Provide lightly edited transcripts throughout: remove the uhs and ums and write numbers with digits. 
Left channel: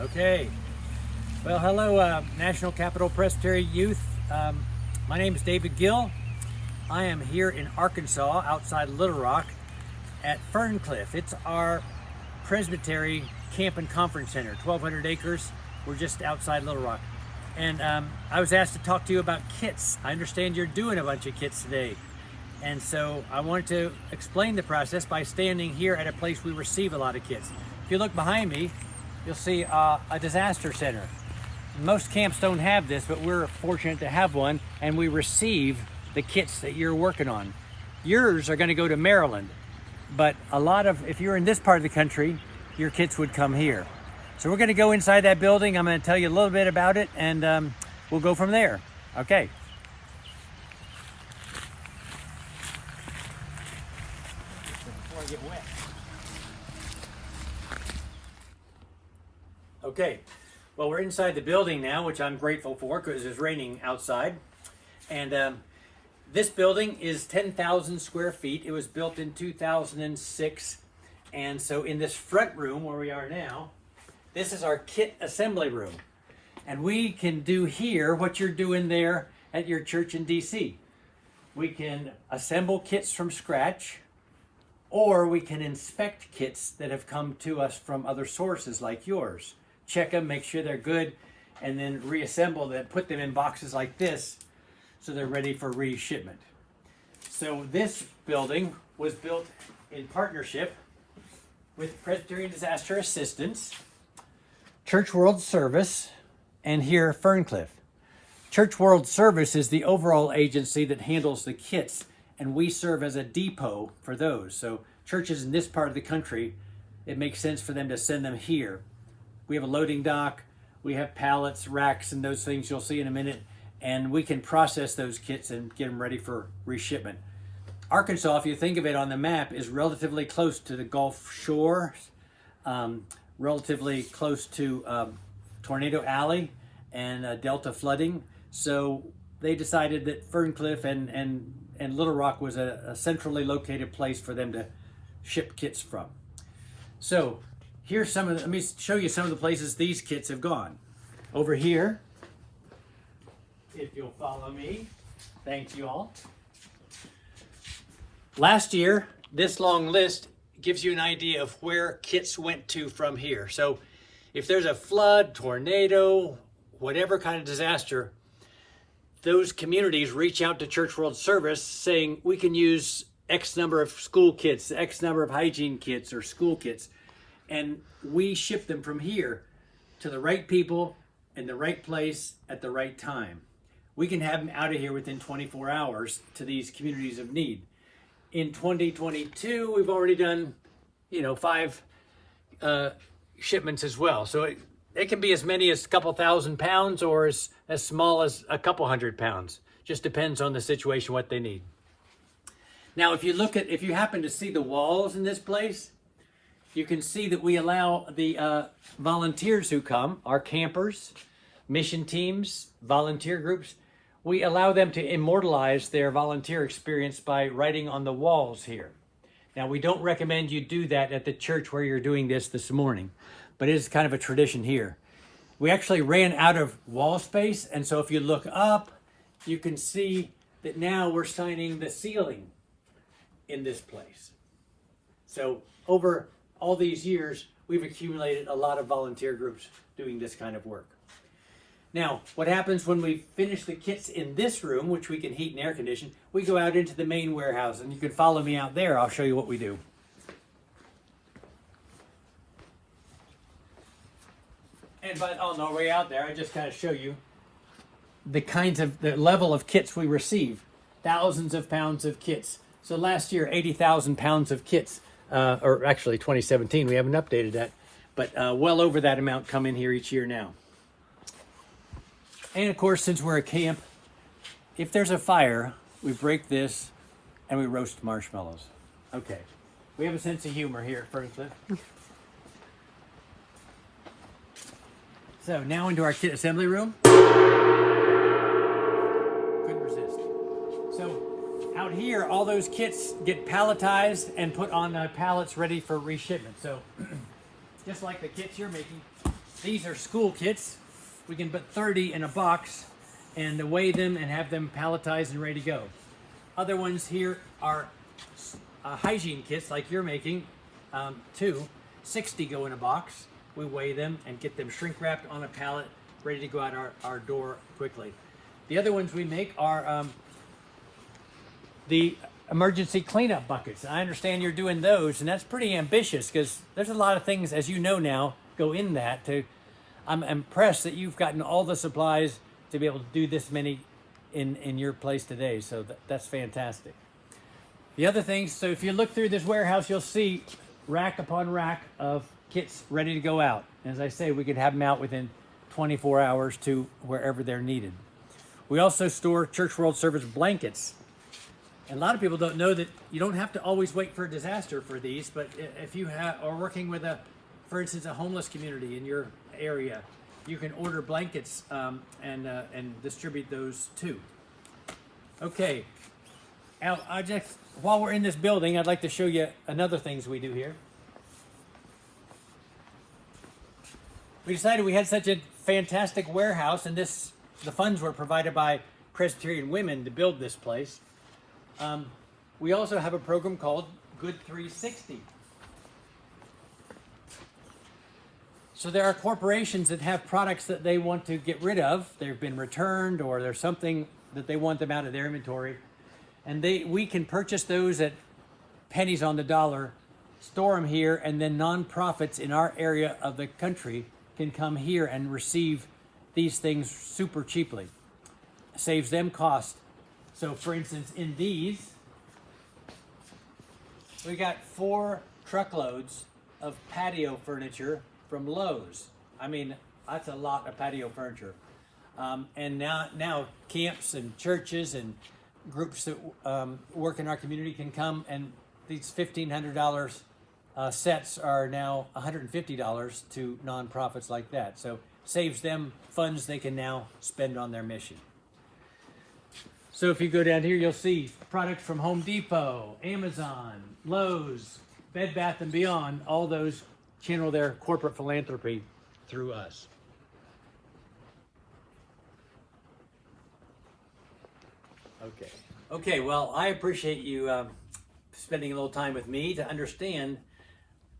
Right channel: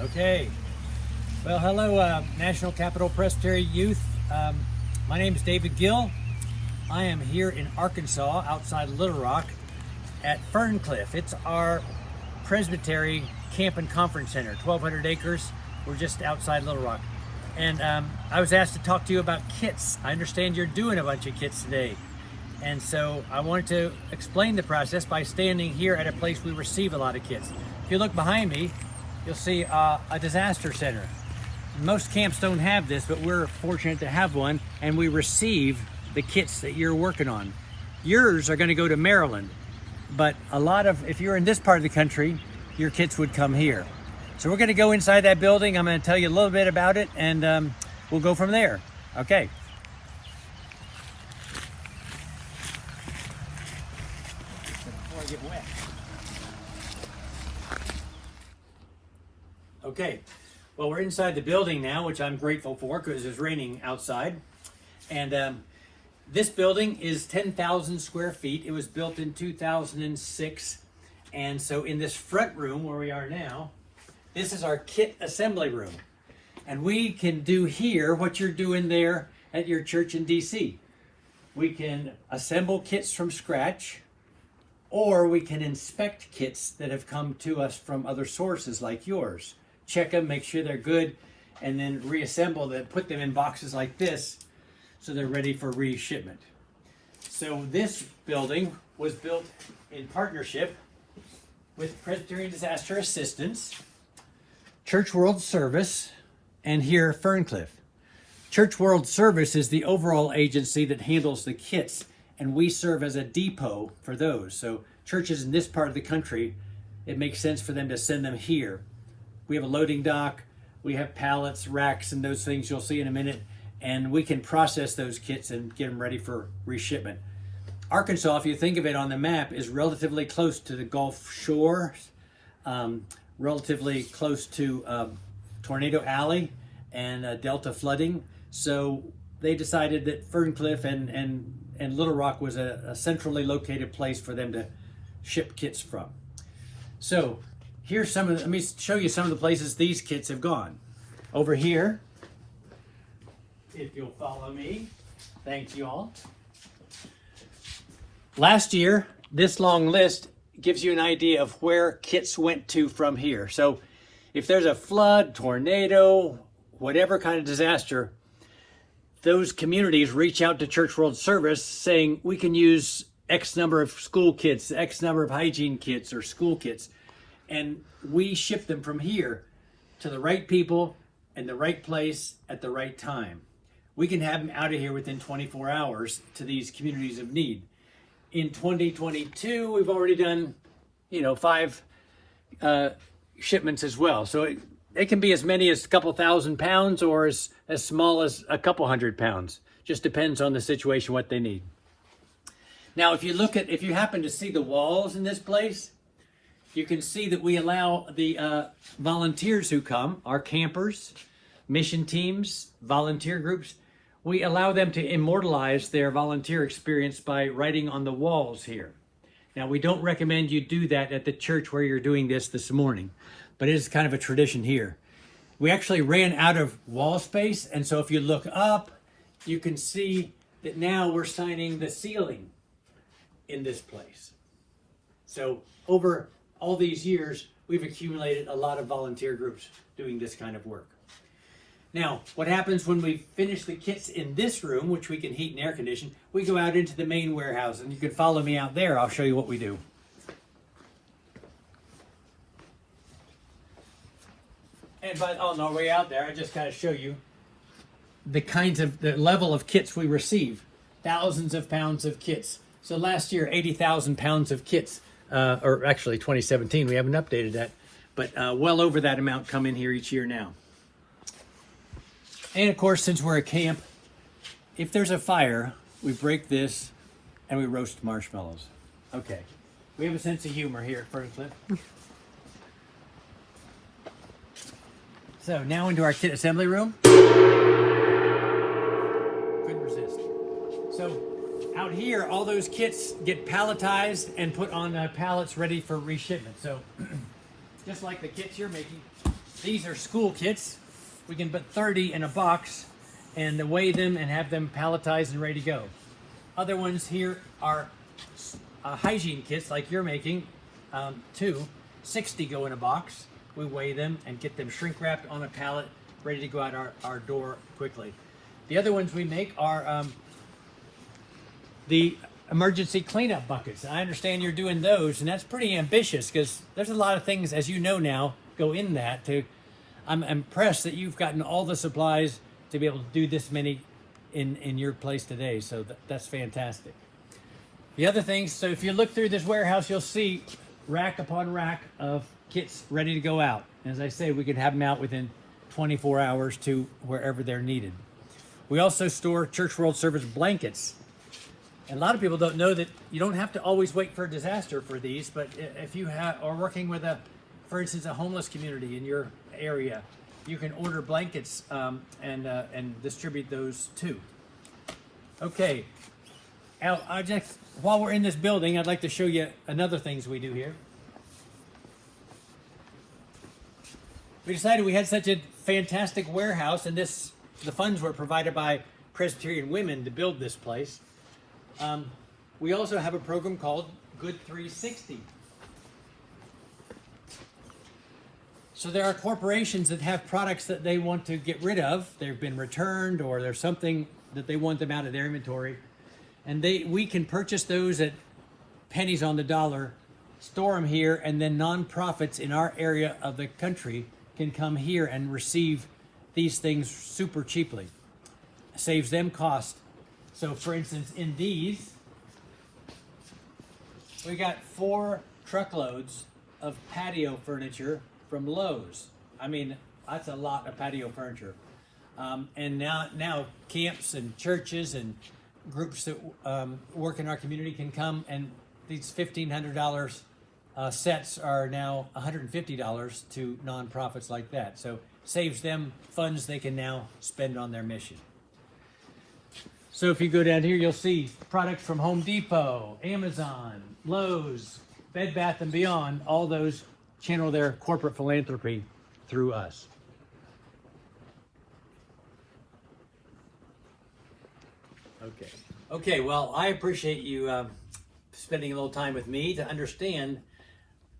Okay. Well, hello, National Capital Presbytery Youth. My name is David Gill. I am here in Arkansas, outside Little Rock, at Ferncliff. It's our Presbytery Camp and Conference Center, 1,200 acres. We're just outside Little Rock. And I was asked to talk to you about kits. I understand you're doing a bunch of kits today. And so I wanted to explain the process by standing here at a place we receive a lot of kits. If you look behind me, you'll see a disaster center. Most camps don't have this, but we're fortunate to have one, and we receive the kits that you're working on. Yours are going to go to Maryland, but if you're in this part of the country, your kits would come here. So we're going to go inside that building. I'm going to tell you a little bit about it, and we'll go from there. Okay. Before I get wet. Okay, well, we're inside the building now, which I'm grateful for because it's raining outside. And this building is 10,000 square feet. It was built in 2006. And so in this front room where we are now, this is our kit assembly room. And we can do here what you're doing there at your church in DC. We can assemble kits from scratch, or we can inspect kits that have come to us from other sources like yours. Check them, make sure they're good, and then reassemble them, put them in boxes like this so they're ready for reshipment. So this building was built in partnership with Presbyterian Disaster Assistance, Church World Service, and here Ferncliff. Church World Service is the overall agency that handles the kits, and we serve as a depot for those. So churches in this part of the country, it makes sense for them to send them here. We have a loading dock, we have pallets, racks, and those things you'll see in a minute, and we can process those kits and get them ready for reshipment. Arkansas, if you think of it on the map, is relatively close to the Gulf Shore, relatively close to Tornado Alley and Delta flooding. So they decided that Ferncliff and Little Rock was a centrally located place for them to ship kits from. So here's let me show you some of the places these kits have gone. Over here, if you'll follow me, thank you all. Last year, this long list gives you an idea of where kits went to from here. So if there's a flood, tornado, whatever kind of disaster, those communities reach out to Church World Service saying, we can use X number of school kits, X number of hygiene kits or school kits. And we ship them from here to the right people in the right place at the right time. We can have them out of here within 24 hours to these communities of need. In 2022, we've already done, 5 shipments as well. So it can be as many as a couple thousand pounds or as small as a couple hundred pounds. Just depends on the situation, what they need. Now, if you happen to see the walls in this place, you can see that we allow the volunteers who come, our campers, mission teams, volunteer groups, we allow them to immortalize their volunteer experience by writing on the walls here. Now, we don't recommend you do that at the church where you're doing this morning, but it is kind of a tradition here. We actually ran out of wall space, and so if you look up, you can see that now we're signing the ceiling in this place. So over all these years, we've accumulated a lot of volunteer groups doing this kind of work. Now, what happens when we finish the kits in this room, which we can heat and air condition, we go out into the main warehouse, and you can follow me out there. I'll show you what we do. And on our way out there, I just kind of show you the level of kits we receive. Thousands of pounds of kits. So last year, 80,000 pounds of kits. Or actually 2017, we haven't updated that, but well over that amount come in here each year now. And of course, since we're a camp, if there's a fire, we break this and we roast marshmallows. Okay, we have a sense of humor here at Ferncliff. So now into our kit assembly room. Couldn't resist. So out here, all those kits get palletized and put on pallets ready for reshipment. So just like the kits you're making, These are school kits. We can put 30 in a box and weigh them and have them palletized and ready to go. Other ones here are hygiene kits like you're making, 60 go in a box. We weigh them and get them shrink wrapped on a pallet, ready to go out our door quickly. The other ones we make are the emergency cleanup buckets. I understand you're doing those, and that's pretty ambitious because there's a lot of things, as you know now, go in that. I'm impressed that you've gotten all the supplies to be able to do this many in your place today, so that's fantastic. The other things, so if you look through this warehouse, you'll see rack upon rack of kits ready to go out. As I say, we could have them out within 24 hours to wherever they're needed. We also store Church World Service blankets. And a lot of people don't know that you don't have to always wait for a disaster for these, but if you are working with for instance, a homeless community in your area, you can order blankets and distribute those too. Okay, Al, while we're in this building, I'd like to show you another things we do here. We decided we had such a fantastic warehouse, and the funds were provided by Presbyterian women to build this place. We also have a program called Good 360. So there are corporations that have products that they want to get rid of. They've been returned, or there's something that they want them out of their inventory. And we can purchase those at pennies on the dollar, store them here, and then nonprofits in our area of the country can come here and receive these things super cheaply. Saves them cost. So for instance, in these, we got 4 truckloads of patio furniture from Lowe's. I mean, that's a lot of patio furniture. And now camps and churches and groups that work in our community can come, and these $1,500 sets are now $150 to nonprofits like that. So saves them funds they can now spend on their mission. So if you go down here, you'll see products from Home Depot, Amazon, Lowe's, Bed Bath & Beyond. All those channel their corporate philanthropy through us. Okay, well, I appreciate you spending a little time with me to understand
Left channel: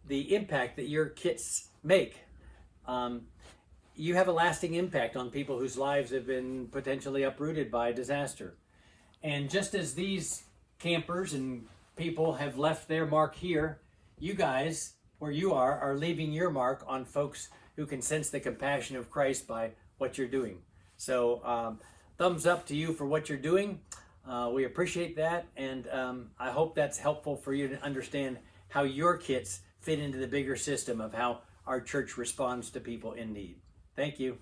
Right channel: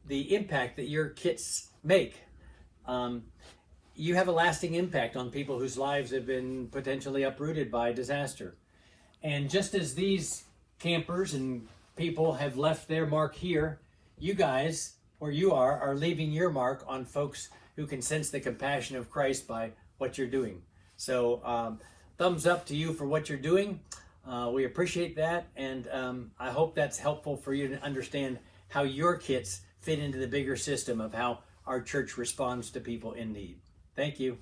the impact that your kits make. You have a lasting impact on people whose lives have been potentially uprooted by disaster. And just as these campers and people have left their mark here, you guys, where you are leaving your mark on folks who can sense the compassion of Christ by what you're doing. So thumbs up to you for what you're doing. We appreciate that, and I hope that's helpful for you to understand how your kits fit into the bigger system of how our church responds to people in need. Thank you.